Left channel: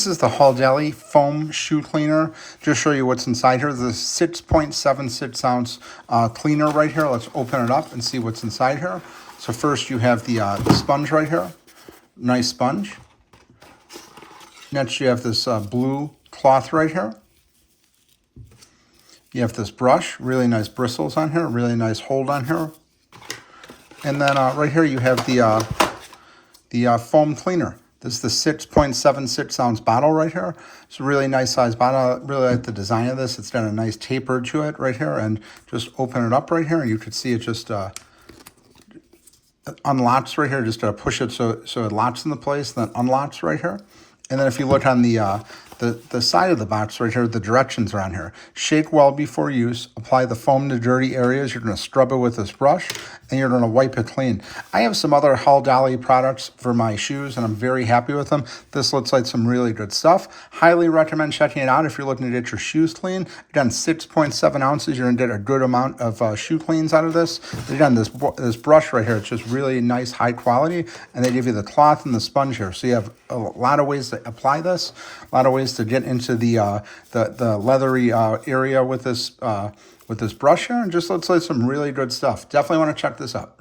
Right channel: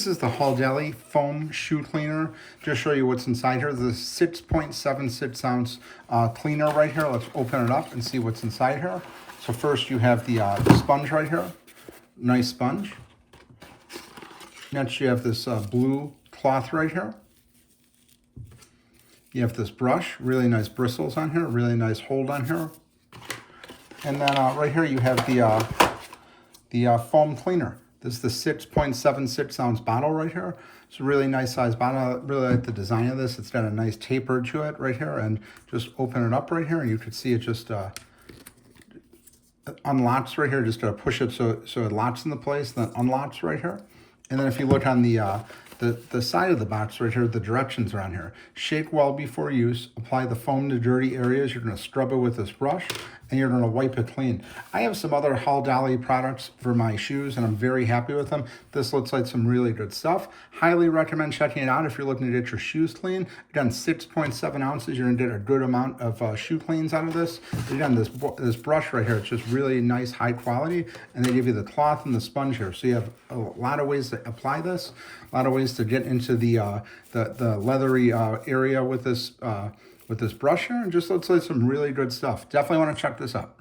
This is the Halldeli foam shoe cleaner. Just show you what's inside here. The 6.76 ounce cleaner right here. Let's open it up and see what's inside here. So first you have the sponge right here. Nice sponge. Next you have this blue cloth right here. You have this brush, really nice bristles on here, really nice hold on here. And then right here you have the foam cleaner. This is the 6.76 ounce bottle right here. It's a really nice size bottle. I really like the design of this. It's got a nice taper to it right here, and just open it up right here. You can see it just unlocks right here. Just push it so it locks into place, then unlocks right here. And then if you look on the side of the box right here, the directions are on here. Shake well before use. Apply the foam to dirty areas. You're going to scrub it with this brush, and you're going to wipe it clean. I have some other Halldeli products for my shoes, and I'm very happy with them. This looks like some really good stuff. Highly recommend checking it out if you're looking to get your shoes clean. Again, 6.7 ounces. You're going to get a good amount of shoe cleans out of this. Again, this brush right here, it's just really nice, high quality, and they give you the cloth and the sponge here. So you have a lot of ways to apply this, a lot of ways to get into the leathery area with this brush here, and just looks like some really good stuff. Definitely want to check this out.